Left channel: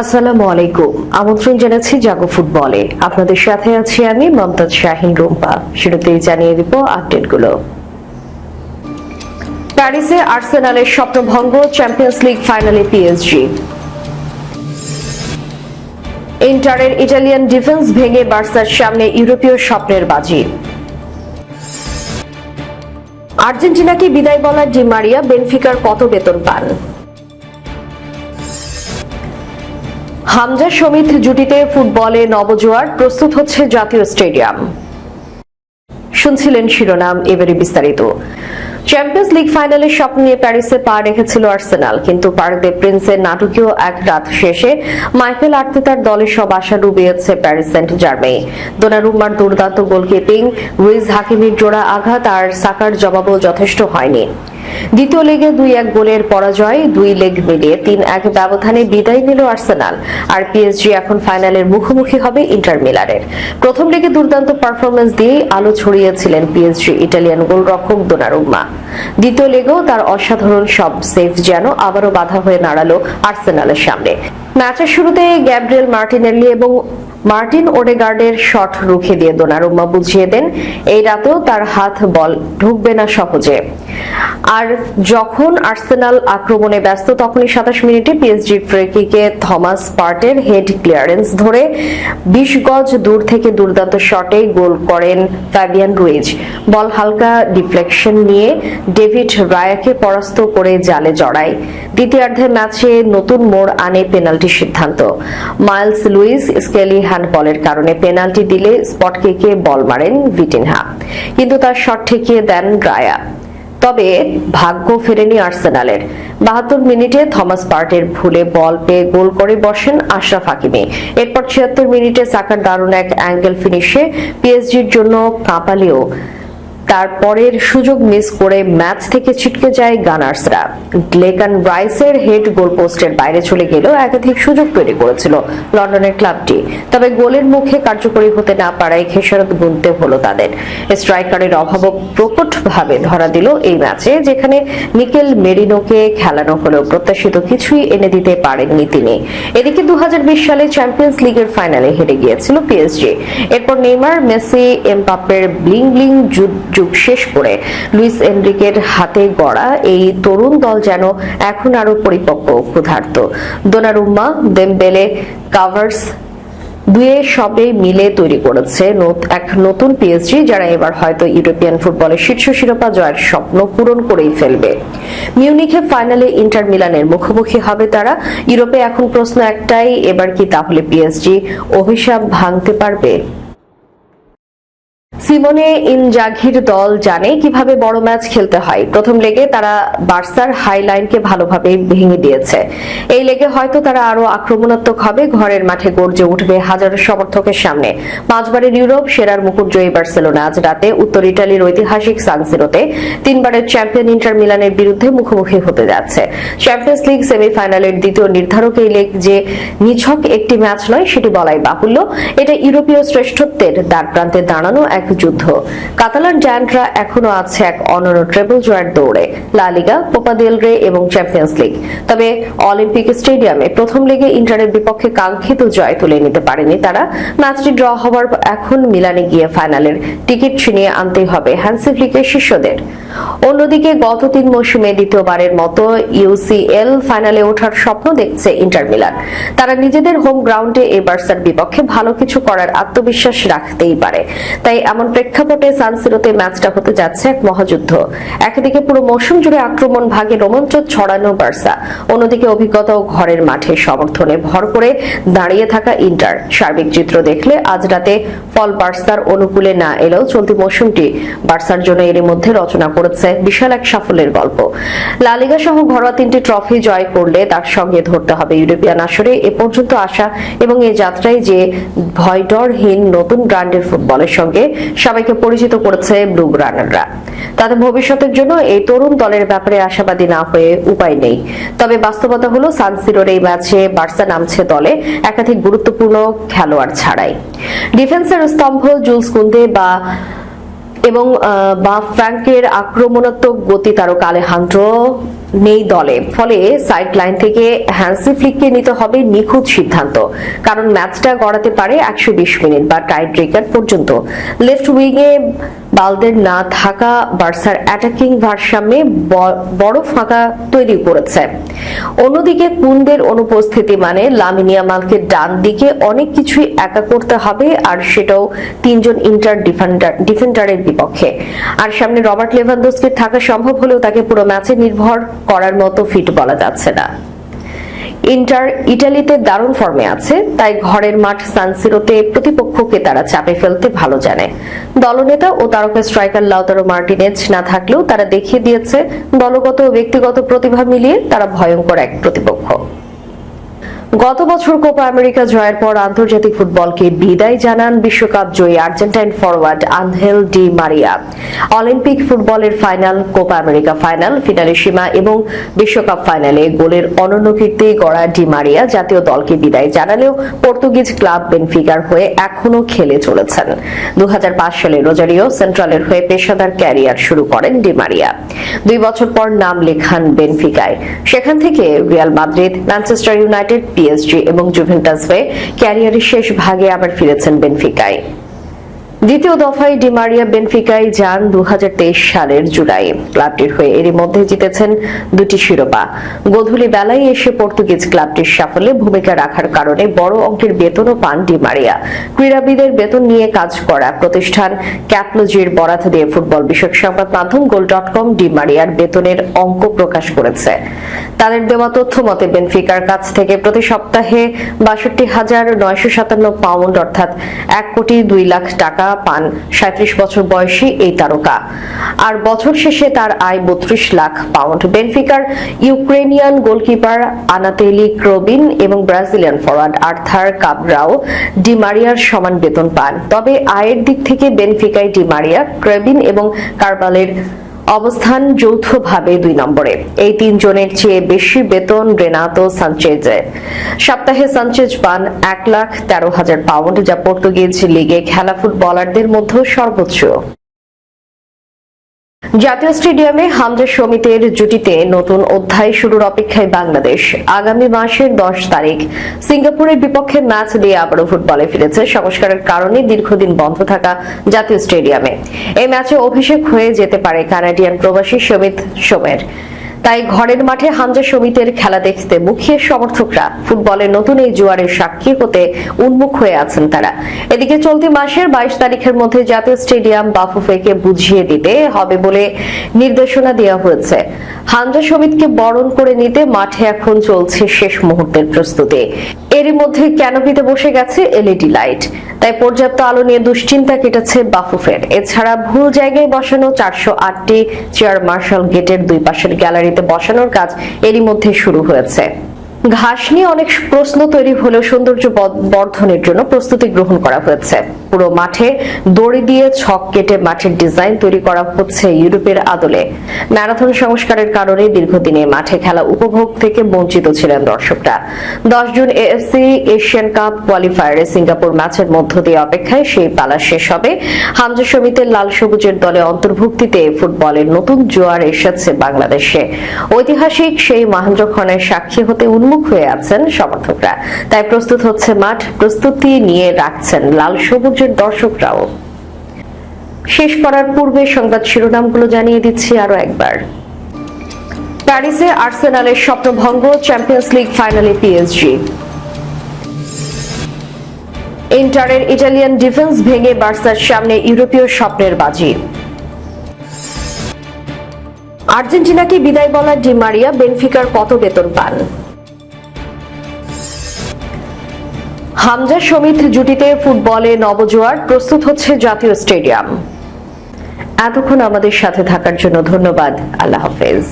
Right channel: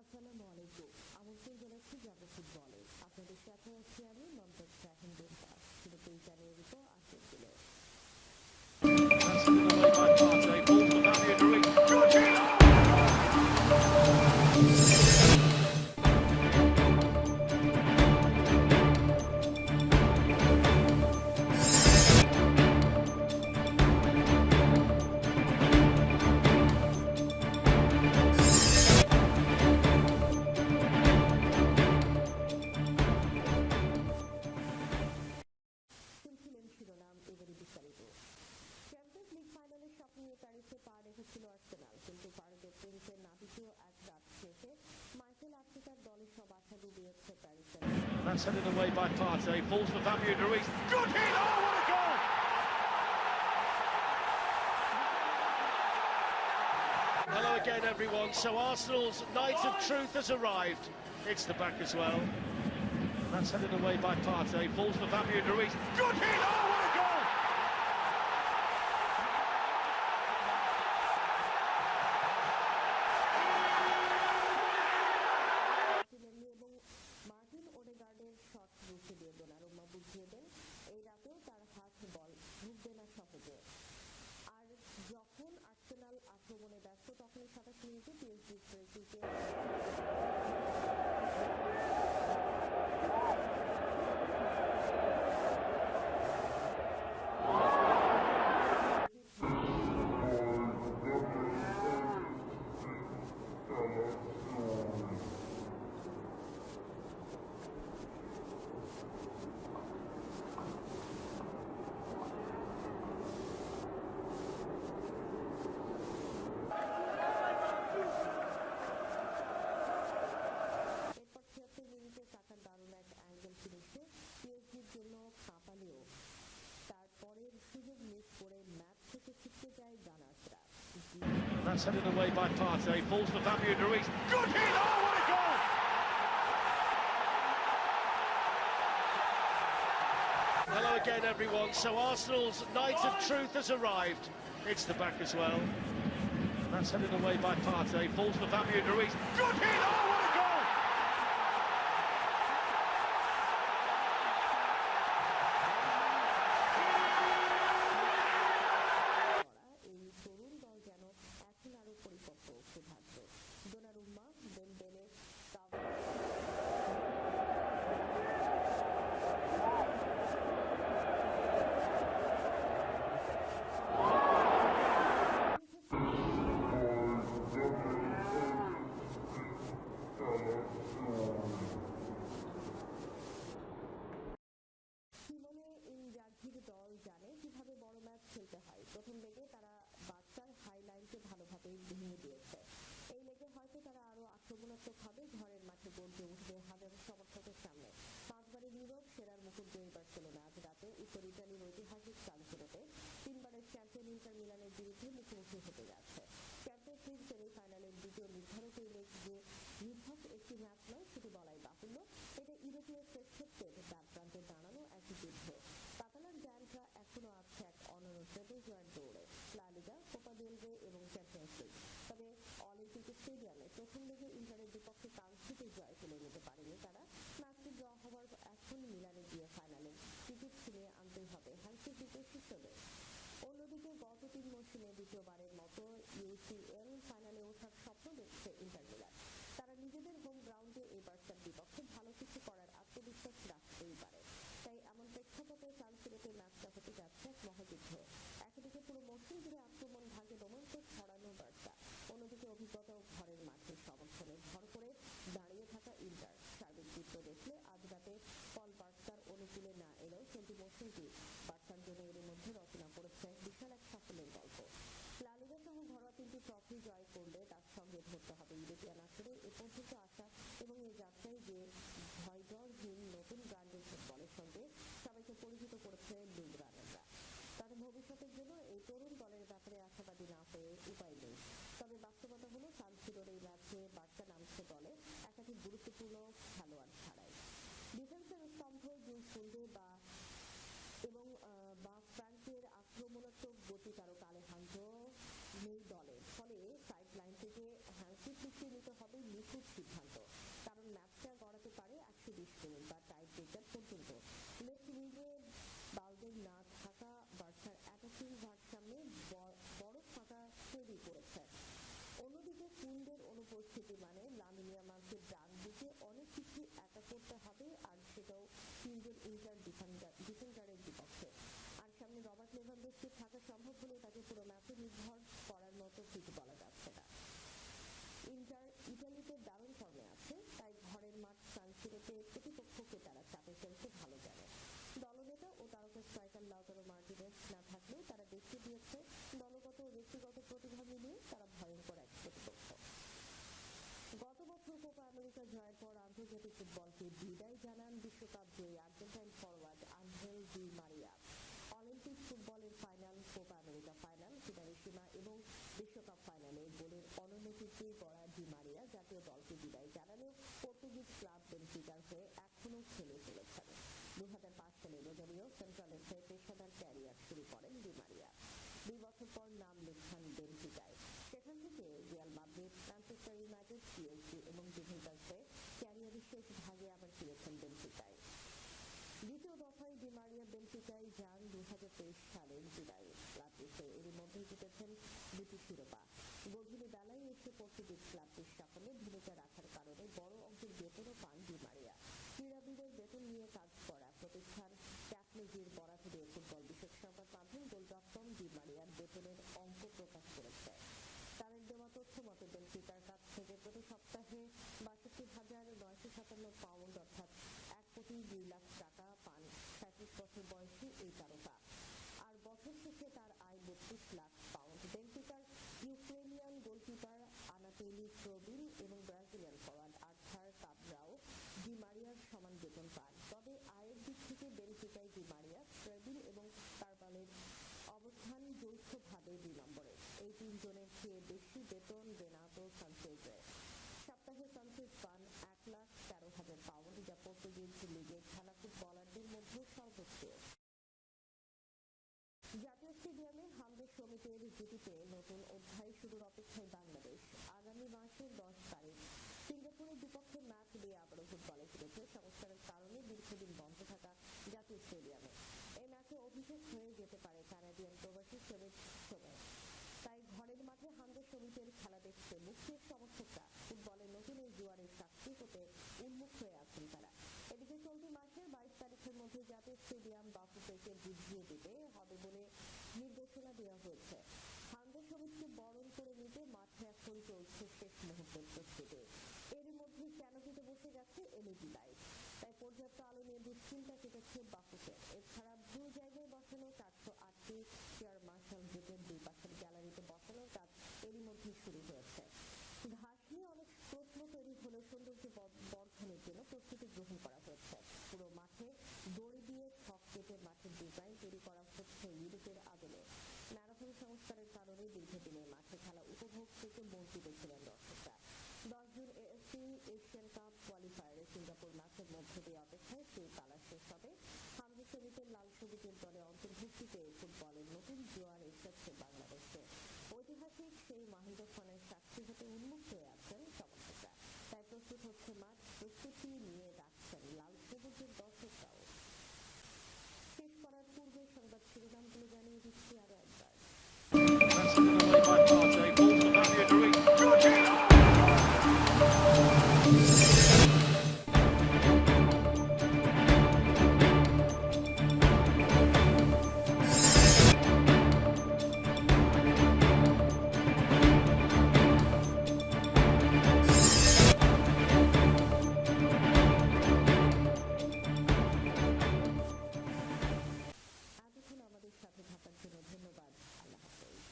আসসালামু আলাইকুম। আমন্ত্রণ জানাচ্ছি জাগো ফুটবলে। আপনাদের সাথে আছি আমি মমতাজ শাহিন রুম্পা। শুরুতেই জানিয়ে দিব আপডেটগুলো প্যারিসে আর্সেনালের স্বপ্নভঙ্গ চ্যাম্পিয়ন্স লিগ ফাইনালে পিএসজি ইন্টারের ইটালিয়ান ডিফেন্স ভেঙে বার্সার সামনে ইউরোপীয় স্বপ্নের বাজি। আর্জেন্টিনাকে বিদায় বলা ডি মারিয়া, বেনফিকার কত বেতন পান। হামজা সমিত জুটিতে ফুটবলে নবজোয়ার প্রস্তুত হচ্ছে জাতীয় স্টেডিয়াম। শুনছিলেন শিরোনাম, এবারে বিস্তারিত। চ্যাম্পিয়ন্স লিগ ফাইনালের স্বপ্ন নিয়ে প্যারিসে পা রেখেছিল আর্সেনাল, কিন্তু পার্ক দে প্রিন্সের নাটকীয় এক রাত শেষে মাইকেল আর্তেতার দলের সব আশা ডুবিয়েছে প্যারিস সেন্ট জার্মেই দোনারুম্মার দুর্দান্ত গোলকিপিং রুইজ হাকিমির জোড়া আঘাত আর সাকার জবাবও যথেষ্ট হয়নি। দ্বিতীয় লেগে দুই এক গোলের পরাজয়, দুই লেগ মিলিয়ে তিন এক ব্যবধানে বিদায় নিল আর্সেনাল। আর পিএসজি এখন ফাইনালের মুখোমুখি হবে ইন্টার মিলারের প্রথম লেগে দুর্দান্ত পারফরমেন্স দিয়ে আলো ছড়িয়েছিলেন পিএসজি ইটালিয়ান গোলরক্ষক দোনারুম্মা। দ্বিতীয় লেগেও তার অসাধারণ সব সেফ যেন আবারও বাধা হয়ে দাঁড়াল আর্সেনালের সামনে। ম্যাচের শুরুতে গ্যাব্রিয়েল মার্টিনেল্লি এবং মার্টিন ওডেগার্ডের শট রুখে দিয়ে দোনারুম্মা বুঝিয়ে দেন, এই রাতেও তার হাত বল ঢুকবে না সহজে। আর যখন আর্সেনাল আক্রমণে ব্যস্ত, তখনই সাতাশ মিনিটে পিএসজি ফ্রেকিকে থমাস পার্টের হেড ক্লিয়ারেন্স ধরে বিশ গজ দূর থেকে দুর্দান্ত শটে গোল করেন ফ্যাবিয়ান রুইজ। বল হালকা ডিফ্লেকশন নিয়ে ডেভিড রায়াকে পরাস্ত করে জালে জড়ায়। দ্বিতীয়ার্ধে ম্যাচে নতুন মোড় আনে পেনাল্টি সিদ্ধান্ত। মাইলস লুইস, স্কেলি হ্যান্ডবলের কারণে পেনাল্টি দিলে স্পট কিকে বল মারেন ভিটিনহা। কিন্তু তার শট ঠেকিয়ে দেন রায়া তবে ভাগ্য ফেরেনি আর্সেনালের। বাহাত্তর মিনিটে থমাস পার্টের ভুলে বল পেয়ে গোল করে বসেন আশরাফ হাকিমি। এরপর ছিয়াত্তর মিনিটে সাকার দারুণ এক অ্যাঙ্গেল ফিনিশে পিএসজির জন্য কাঁপালেও তারপরের সুযোগ মিস করে ম্যাচ থেকে ছিটকে যায় গানার্সরা। গ্লেকান রাইসের হেড গোল পোস্টের বাইরে চলে গেলেও একাধিক সুযোগ তৈরি করেছিল লন্ডনের ক্লাবটি। তবে গোলের মুখে কার্যকরী হতে না পারায় খেসারত গুনতে হলো তাদের। স্ট্রাইকারের অভাবও প্রকটভাবে ধরা দিল এই ম্যাচে, যেখানে নিকেল মেরিনোকে খেলানো হলেও প্রত্যাশিত কিছুই এনে দিতে পারেননি তিনি। এদিকে দু হাজার বিশ সালে চ্যাম্পিয়ন্স লিগের ফাইনালে হেরে গিয়েছিল পিএসজি। এরপর নেইমার, মেসি, এমবাপ্পের ব্লিং ব্লিং যুগ শেষ করে লুইস এনরিকের হাতে গড়া এই তরুণ দল যেন এখন আরও পরিপক্ক ক্ষুধার্ত। দোনারুম্মা, দেমবেলে, কাভার্স দুয়ে সবে মিলে তৈরি করেছে এক নতুন পিএসজি যারা এবার হয়তো ইউরোপিয়ান ফুটবলের শীর্ষ শিরোপা জয়ের স্বপ্ন পূরণ করেই ফেলবে। মিউনিখে ফাইনালে ইন্টার মিলানের মুখোমুখি হবে তারা। ইউরোপে এখন প্রশ্ন একটাই, এবার কি তাহলে পিএসজি অভিশাপ ভাঙতে পারবে? সিমোনে ইনজাঘির দল জানে কীভাবে বড় ম্যাচ খেলতে হয়। প্রথম লেগে তারা বার্সার হাই লাইনকে ভালোভাবে ভেঙে দিয়েছে। এই লেগে হয়তো তারা আরও আক্রমণাত্মক হবে, ঘরের মাঠে গর্জে উঠবে হাজারো সমর্থকের সামনে। পাঁচবারের ইউরোপ, সেরার মুকুট জয়ী বার্সেলোনা। আজ রাতে উত্তর ইটালির ঐতিহাসিক সানসিরোতে তিনবারের চ্যাম্পিয়ন ইন্টার মিলানের বিরুদ্ধে মুখোমুখি হতে যাচ্ছে। চ্যাম্পিয়ন্স লিগ সেমিফাইনালের দ্বিতীয় নির্ধারক এই লেগ যে নিছক একটি ম্যাচ নয়, সেটি বলাই বাহুল্য। এটা ইউরোপীয় শ্রেষ্ঠত্বের দ্বার প্রান্তে দাঁড়ানো এক যুদ্ধ। কাতালান জায়ান্টরা এখনও আছে এক অনন্য ট্রেবল জয়ের দৌড়ে লালিগা কোপা দেল রে এবং চ্যাম্পিয়ন্স লিগ তবে অলিম্পিক স্টেডিয়ামে প্রথম লিগে ইন্টারের বিপক্ষে কাঙ্ক্ষিত জয় তুলে নিতে পারেনি তারা। ম্যাচটি ড্র হওয়ার এখন মিলানে গিয়ে ফাইনালের টিকিট ছিনিয়ে আনতেই হবে হ্যান্সি ফ্লিকের শিষ্যদের। অন্যদিকে গত তিন মৌসুমে দ্বিতীয়বারের মতো ইউসিএল ফাইনালে ওঠার স্বপ্ন দেখছে ইন্টার মিলান। তারা নিজেদের হোম গ্রাউন্ডে এই বার্সার বিপক্ষে ভালো কিছু করার আত্মবিশ্বাস রাখতেই পারে। তাই এমন প্রেক্ষাপটে সানসিরোতে ম্যাচটা হতে যাচ্ছে এক মহাযুদ্ধ। একদিকে পুরো মৌসুম জুড়ে আক্রমণ ভাগে রোমাঞ্চ ছড়ানো বার্সা। অন্যদিকে অভিজ্ঞতা ও ঘরের মাঠে সমর্থনে ভর করে দাঁড়িয়ে থাকা ইন্টার। সার্বিক চিত্র দেখলে আজ রাতে ফল বার্সার অনুকূলে না এলেও চলতি মৌসুমটি বার্সার জন্য এরই মধ্যে রচনা করেছে বিশাল এক সাফল্যের গল্প। লালিগা সহ ঘরোয়া তিনটি ট্রফি জয় করলে তার সঙ্গে ধরতে হবে ইউরোপিয়ান আসরে। এ পর্যন্ত আসা এবং এই যাত্রায় যে ভয়ডরহীন নতুন ব্র্যান্ডের ফুটবলের সঙ্গে সবাইকে পরিচিত করেছে ব্লু রানাররা তাদের ভবিষ্যতের জন্য এই তরুণ দলের ব্যাপারে আশাবাদী না হয়ে উপায় নেই। তবে বাস্তবতা হলো সানসিরোর এই ম্যাচে বার্সা নামছে দলে একাধিক গুরুত্বপূর্ণ খেলোয়াড় ছাড়াই। ডিফেন্সের স্তম্ভ জুলস কুন্দে বা এবং বা ফ্র্যাঙ্কের আক্রমণাত্মক গতি তারক আলেহান্দ্রো নেই দলে। ফলে সাইড লাইন থেকে হ্যান্সি ফ্লিককে নিতে হবে নিখুঁত সিদ্ধান্ত। কারণ ম্যাচটা গড়াতে পারে একশো বিশ মিনিট বা টাই ব্রেকার পর্যন্ত। লেফট উইংয়ে বালদের না থাকা বার্সার অ্যাটাকিং ভারসাম্যে বড় ফাঁকা তৈরি করেছে। অন্যদিকে কুন্দের অনুপস্থিতি মানে লামিনিয়া মালকে ডান দিকে অনেক কিছুই একা করতে হবে, আর সেটাও তিনজন ইন্টার ডিফেন্ডার, ডিফেন্ডারের বিপক্ষে। আর সামনে রবার্ট লেভানদোস্কির থাকা সম্ভব হলেও তাকে পুরো ম্যাচে নির্ভর করার মতো ফিট বলা যাচ্ছে না। ইন্টার ইটালিতে দারুণ ফর্মে আছে, তাই ঘরের মাঠ সানসিরোতে প্রতিপক্ষকে তারা চাপে ফেলতে ভালো জানে। দলনেতা ও তারকা স্ট্রাইকার লাউতারো মার্টিনেজ না থাকলেও তারা দেখিয়ে দিয়েছে, দলগত ও ব্যক্তিগত প্রতিভা মিলিয়ে তারা ভয়ঙ্কর এক প্রতিপক্ষ। গত বছর কোপা আমেরিকা জয়ের পর আন্তর্জাতিক ফুটবলকে বিদায় জানান বিশ্বকাপ জয়ী Argentine forward Angel Di Maria. Olympic ফুটবলের final, Copa America final Finalissima এবং বিশ্বকাপ ফাইনালে গোলের অনন্য কীর্তি গড়া ডি মারিয়া জাতীয় দলকে বিদায় জানালেও পর্তুগিজ ক্লাব বেনফিকার হয়ে এখনও খেলে চলেছেন। দু হাজার পাঁচ সালে রোজারিও সেন্ট্রালের হয়ে পেশাদার ক্যারিয়ার শুরু করেন ডি মারিয়া। দুই বছর পর নাম লেখান বেনফিকায়। সেখান থেকে Real Madrid, Manchester United PSG এবং জুভেন্টাস হয়ে ক্যারিয়ারের শেষ ভাগে আবার ফিরেছেন বেনফিকায়। দ্বিতীয় দফায় ডিমারিয়া বেনফিকায় যান দু হাজার তেইশ সালের জুলাই। ক্লাবটির হয়ে এরই মধ্যে জিতেছেন দুটি শিরোপা। গোধূলি বেলায় এসে পর্তুগিজ ক্লাবটির সাফল্যে ভূমিকা রাখার কারণে বড় অঙ্কের বেতনও পান ডিমারিয়া ক্রীড়াবিদের বেতন নিয়ে কাজ করা প্রতিষ্ঠান ক্যাপলোজির বরাত দিয়ে ফুটবল বিষয়ক সংবাদ মাধ্যম গোল ডট কম ডিমারিয়ার বেতনের অঙ্ক প্রকাশ করেছে। তাদের দেওয়া তথ্য মতে, বেনফিকার কাছ থেকে প্রতি সপ্তাহে বাষট্টি হাজার নয়শো সাতান্ন পাউন্ড, অর্থাৎ এক কোটি দুই লাখ টাকা পান। সাঁত্রিশ বছর বয়সী এই তারকা। আর বছর শেষে তার আয় বত্রিশ লাখ পাউন্ড। বেনফিকার ইউক্রেনিয়ান গোলকিপার আনাতেলি ক্রোবিন এবং ব্রাজিলিয়ান ফরওয়ার্ড আর্থার কাবরাও ডিমারিয়ার সমান বেতন পান। তবে আয়ের দিক থেকে বেনফিকায় ডিমারিয়া ক্রেবিন এবং কারবালের অবস্থান যৌথভাবে দুই নম্বরে। এই তিনজনের চেয়ে বেশি বেতন রেনাতো সানচেজে। সপ্তাহে সানচেজ পান এক লাখ তেরো হাজার পাউন্ড, যা পর্তুগিজ লিগে খেলা ফুটবলারদের মধ্যে সর্বোচ্চ। জাতীয় স্টেডিয়ামে হামজা সমিতির জুটিতে নতুন অধ্যায় শুরুর অপেক্ষায় বাংলাদেশ। আগামী মাসের দশ তারিখ। সিঙ্গাপুরের বিপক্ষে ম্যাচ দিয়ে আবারও ফুটবলে ফিরেছে। সংস্কারের কারণে দীর্ঘদিন বন্ধ থাকা জাতীয় স্টেডিয়ামে। এই ম্যাচে অভিষেক হয়ে যেতে পারে কানাডিয়ান প্রবাসী সমিত সোমের। তাই ঘরের মাঠে হামজা সমিতির খেলা দেখতে মুখিয়ে সমর্থকরা ফুটবলের নতুন এই জোয়ারের সাক্ষী হতে উন্মুখ হয়ে আছেন তারা। এদিকে চলতি মাসের বাইশ তারিখের মধ্যে জাতীয় স্টেডিয়াম বাফুফেকে বুঝিয়ে দিতে হবে বলে নির্দেশনা দেওয়া হয়েছে। হামজা সমিতকে বরণ করে নিতে মাঠে এখন চলছে শেষ মুহূর্তের প্রস্তুতি। এরই মধ্যে ক্যানোপিতে বসে গেছে এলইডি লাইট। তাই পর্যাপ্ত আলো নিয়ে দুশ্চিন্তা কেটেছে বাফুফের। এছাড়া ভুল জায়গায় বসানো চারশো আটটি চেয়ার মার্শাল গেটের দুই পাশের গ্যালারিতে বসানোর কাজ এরই মধ্যে শুরু হয়েছে। ঘাস নিয়ে অনেক প্রশ্ন তৈরি হলেও সৌন্দর্য বর্ধনের জন্য প্রস্তুতি গ্রহণ করা হয়েছে। পুরো মাঠে দড়ি দিয়ে ছক কেটে মাঠের ডিজাইন তৈরি করা হচ্ছে ইউরোপের আদলে। ম্যারাথন সংস্কারের কারণে দীর্ঘদিনে মাঠে খেলা উপভোগ থেকে বঞ্চিত ছিলেন দর্শকরা। দশ জুন এএফসি এশিয়ান কাপ কোয়ালিফায়ারে সিঙ্গাপুর ম্যাচের মধ্য দিয়ে অপেক্ষায় সেই পালা শেষ হবে। হামজা সমিতির লাল সবুজের দলে অন্তর্ভুক্তিতে ফুটবলের নতুন জোয়ার এসেছে বাংলাদেশে। ঐতিহাসিক সেই মহেন্দ্রক্ষণের সাক্ষী হতে উন্মুখ হয়ে আছেন সমর্থকরা। তাই প্রস্তুত হচ্ছে মাঠ, প্রস্তুতি নিয়ে রাখছেন লাল সবুজের দর্শকরাও। শেষ করার পূর্বে সংবাদ শিরোনামগুলো জানিয়ে দিচ্ছি আরও একবার। প্যারিসে আর্সেনালের স্বপ্নভঙ্গ, চ্যাম্পিয়ন্স লিগ ফাইনালে পিএসজি। ইন্টারের ইটালিয়ান ডিফেন্স ভেঙে বার্সার সামনে ইউরোপীয় স্বপ্নের বাজি। আর্জেন্টিনাকে বিদায় বলা ডি মারিয়া, বেনফিকার কত বেতন পান। হামজা সমিত জুটিতে ফুটবলে নবজোয়ার প্রস্তুত হচ্ছে জাতীয় স্টেডিয়াম। এতক্ষণ আমাদের সাথে থাকার জন্য ধন্যবাদ। আল্লাহ হাফেজ।